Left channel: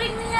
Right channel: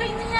Öğretmenler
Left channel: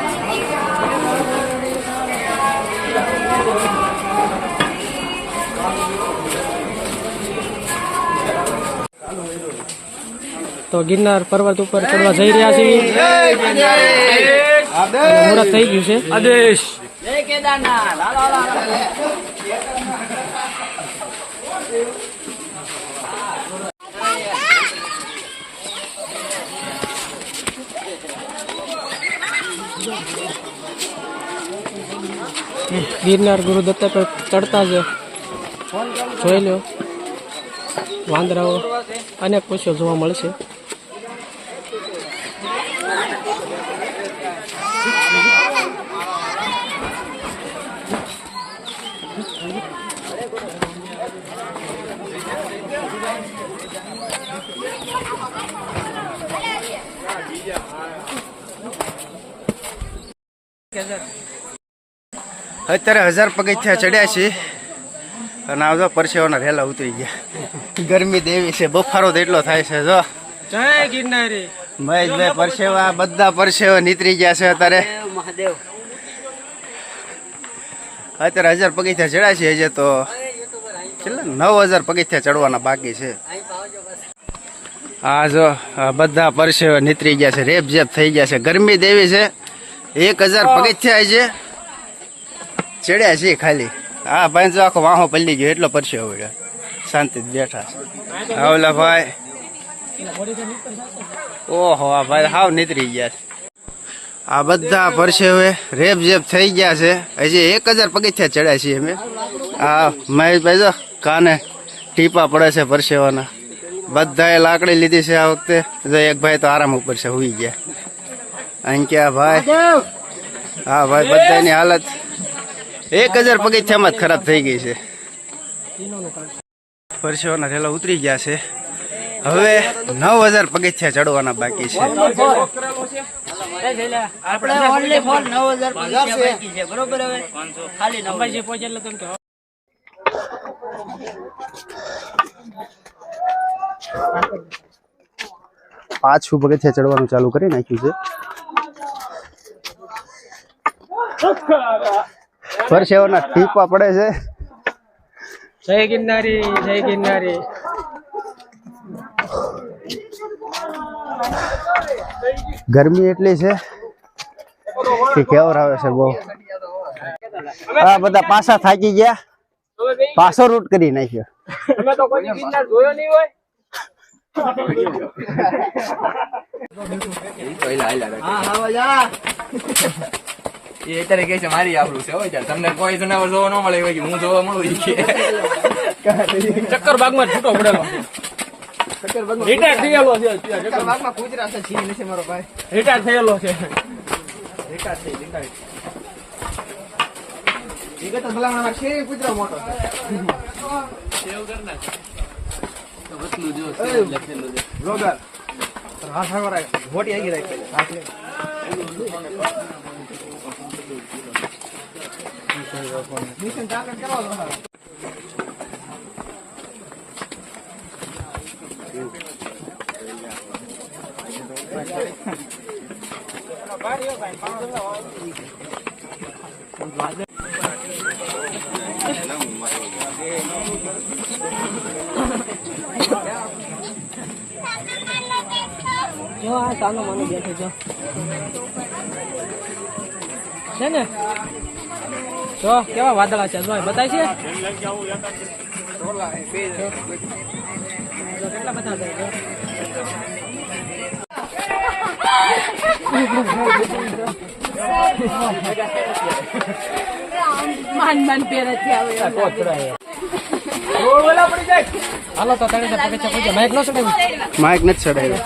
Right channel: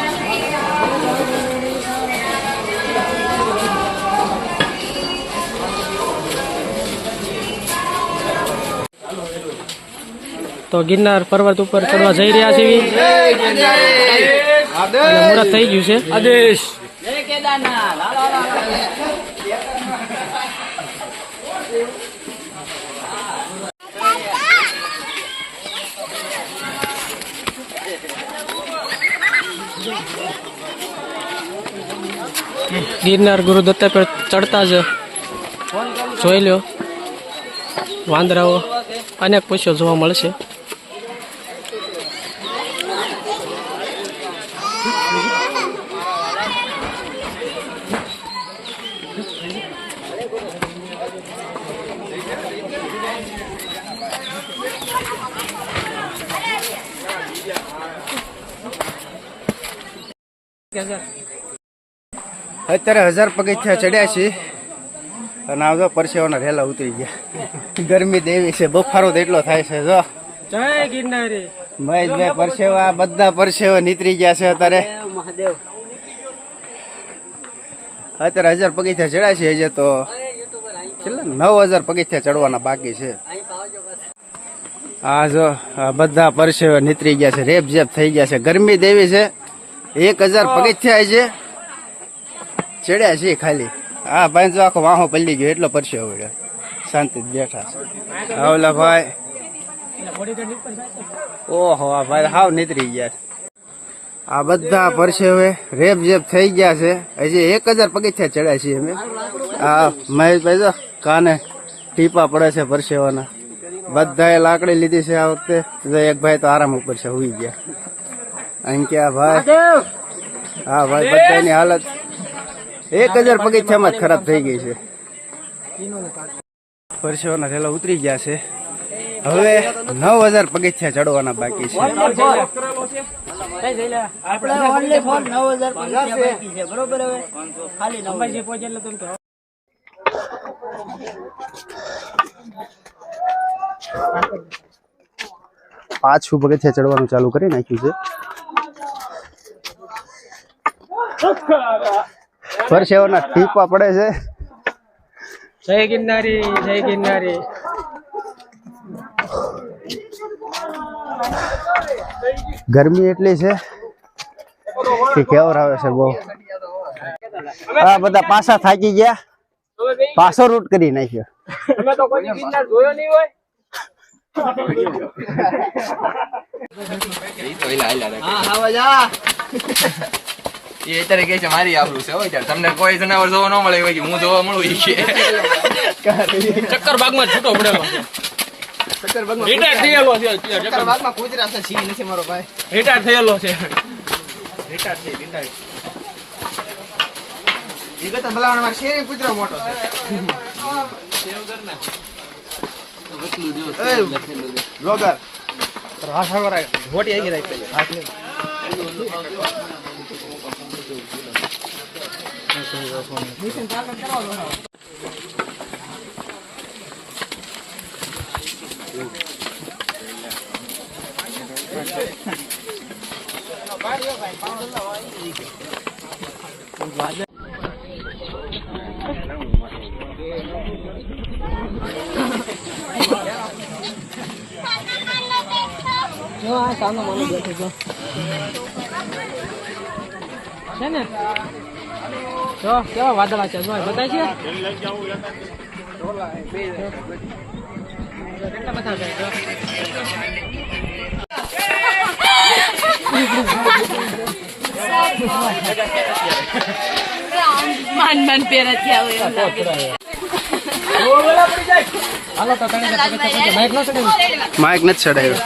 તો ગિરનાર પર્વત ઉપર ચડવા જઈ રહ્યા છીએ. મુહૂર્ત થઈ ગયું છે. આદેશ. ગિરનાર ગુરુ દત્તા પર ચડતા જ જોઈ લ્યો. વાંદરાઓ અનેક પશુઓ જોવા મળશે અત્યારે હજાર પગથિયા ચડ્યા છે અને આવજો પરસેવાના રેલા ઉતરી ગયા. ગરમી દેવી છે બફારો તો એટલો થાય છે જો. જય ગિરનારી. મહેશભાઈ પરસેવા બધા પરસેવા નીતરી ગયા છે અત્યારે. અત્યારે હજાર પગથિયા ચડ્યા છે હજે તો. છેલ્લા નવ હજાર પગથિયા ચડવાના બાકી છે. આ જો બધા પરસેવા નીતરી ગયા છે રેપ જેપ થઈ ગયા છે. ગરમી દેવી છે. એક હજાર પગથિયા છે. ચડ્યા છે ખાલી. હા ભાઈ જો આખો વાહો પલ્લી ગયો એટલો પરસે વળ્યો શાંતિ બેઠા છે. આવલા ભાઈ. ઓહો આ ભાઈ હાવ નીતરી ગયા છે. આ બધા પરસેવે રેપ જેપ થઈ ગયા છે. હજી એક હજાર પગથિયા ચડ્યા છીએ અમે. આ મહેશભાઈ જો કાને ટીપા પડે છે પરસેવાના. બધાએ લાકડી લીધી છે આ વખતે. એક ભાઈ તો આરામ ઉપર છે હુઈ ગયા. અંક્યા ભાઈ. હા, ભાઈ, બધાની હાલત એક હજાર પગથિયામાં જ ખરાબ થઈ ગઈ છે. પરસેવાના રેલા ઉતરી ગયા છે. હવે નવ હજાર પગથિયા ચડવાના બાકી છે. પાછું પગથિયા ચડવાનું ચાલુ કરી નાખ્યું છે. પરસેવાના ટીપા પડે છે. જય ગિરનારી જય ગિરનારી. ગરમી એટલી છે કે કેવર આવે છે બહુ. આ બધા પાછા થાકી ગયા. પાછો રૂટ કરી નાખ્યો. એ અત્યારે કહે છે મારી આબરૂ છે હોય તમને કોઈ જનાવર જોવા ન મળે હોય હું જોવા મળું ઈ કે. ચક્કર બાગમાં છૂટો પડેલો રિટાયર થયેલો છે ચક્કર બાગમાં કૂતરા છે સિંહ નથી મારો ભાઈ. રિટાયર થયેલો છે. એ કરતા ભલામણ શેરી કૂતરો મોટો છે. જો આ સામે મને બેઠો જો છે ને જો કેવા વાદળા છે જો બતાય છે કેટલા બધા છે જો માન માન પહેરે છે હવે હાલો તો ત્રણ હજાર પગથિયા માઇક નો ચડાવી માઇક નથી ચડાવ્યો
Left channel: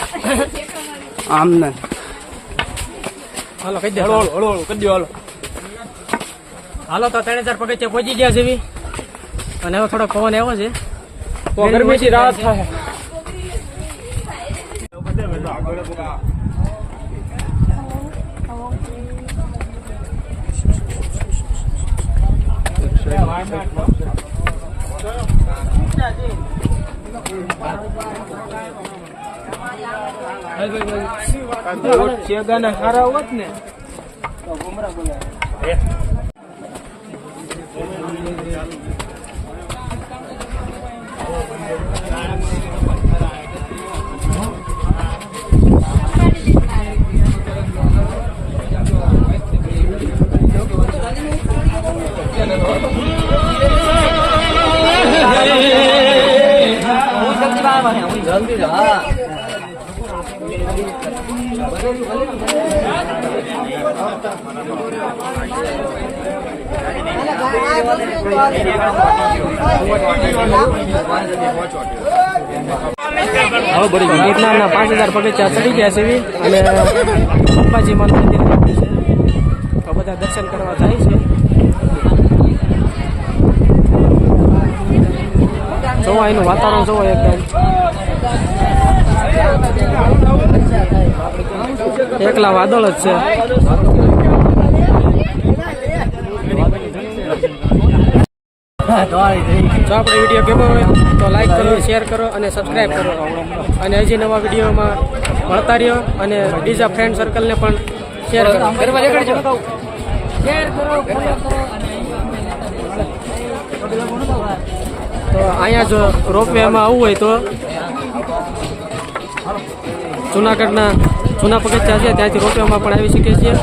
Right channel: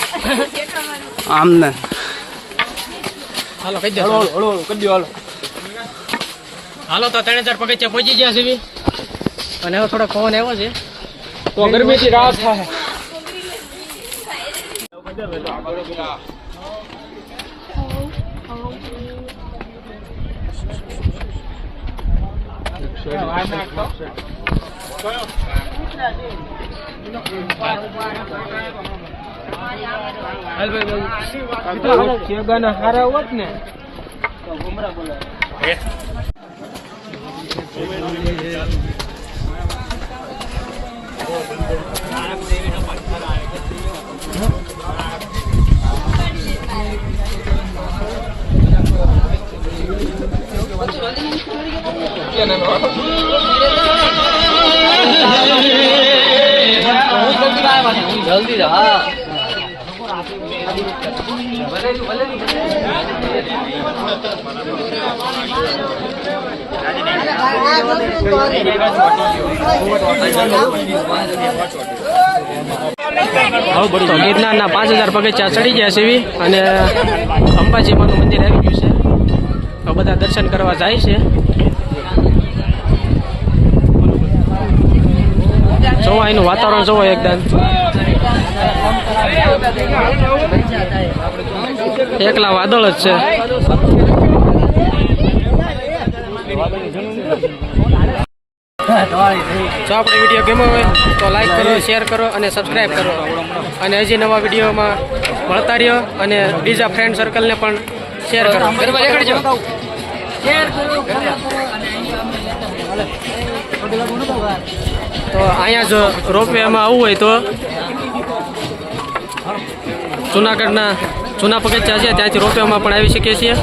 આમને હાલો કહી દે હળો હળો હળો કરી દો હાલો હાલો તો ત્રણ હજાર પગથિયા પહોંચી ગયા છે અને હવે થોડો પવન એવો છે. તો ગરમીથી રાહત થાય. સારા હોત ને. તો Yeah, no, no, no. ગિરનારના પાંચ હજાર પગથિયા ચડી ગયા છે અને અંબાજી માનું મંદિર આવી ગયું છે. તો બધા દર્શન કરવા જાય છે. જોવો એનું વાતાવરણ, જોવો એકદમ. એકલા વાદળ જ છે. જો આપણે વીડિયો ગમ્યો હોય તો લાઈક કરો શેર કરો અને સબસ્ક્રાઈબ કરો. અને હજી નવા વિડીયોમાં મળતા રહ્યો અને બીજા ફ્રેન્ડ સર્કલને પણ શેર કરો. તો અહીંયા જો રોપવેમાં આવવું હોય તો જુનાગઢના જૂના પગથિયા છે, ત્યાંથી રોપવેમાં પણ આવી શકીએ છીએ.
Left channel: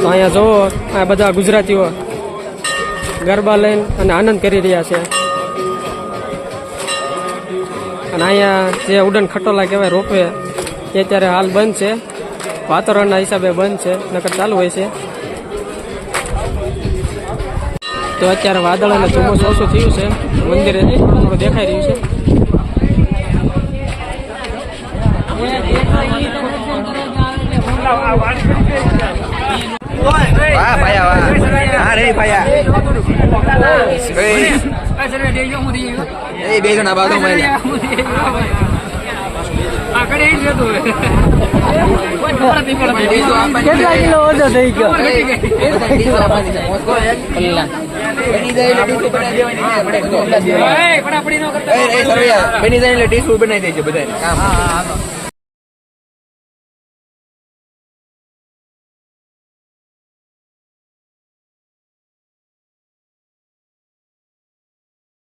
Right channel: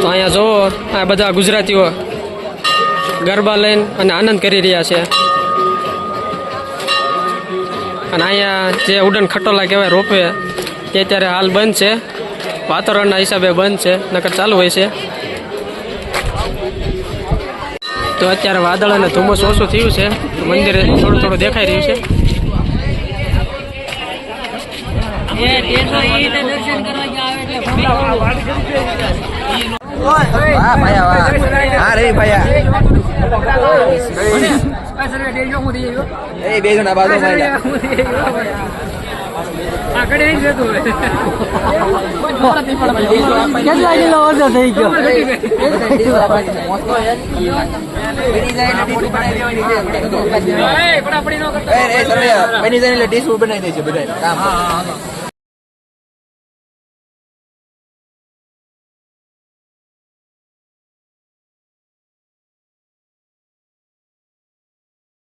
તો અહીંયા જુઓ આ બધા ગુજરાતીઓ. ગરબા લઈને અને આનંદ કરી રહ્યા છે. અને અહીંયા જે ઉડન ખટોલા કહેવાય રોપવે તે અત્યારે હાલ બંધ છે. વાતાવરણના હિસાબે બંધ છે, નકર ચાલુ હોય છે. તો અત્યારે વાદળ અને ધુમ્મસ ઓછું થયું છે. મંદિરે થોડું થોડું દેખાઈ રહ્યું છે. એ બે જણા બાજુ બની જાય એટલે બનાવી દે છે બધા કામ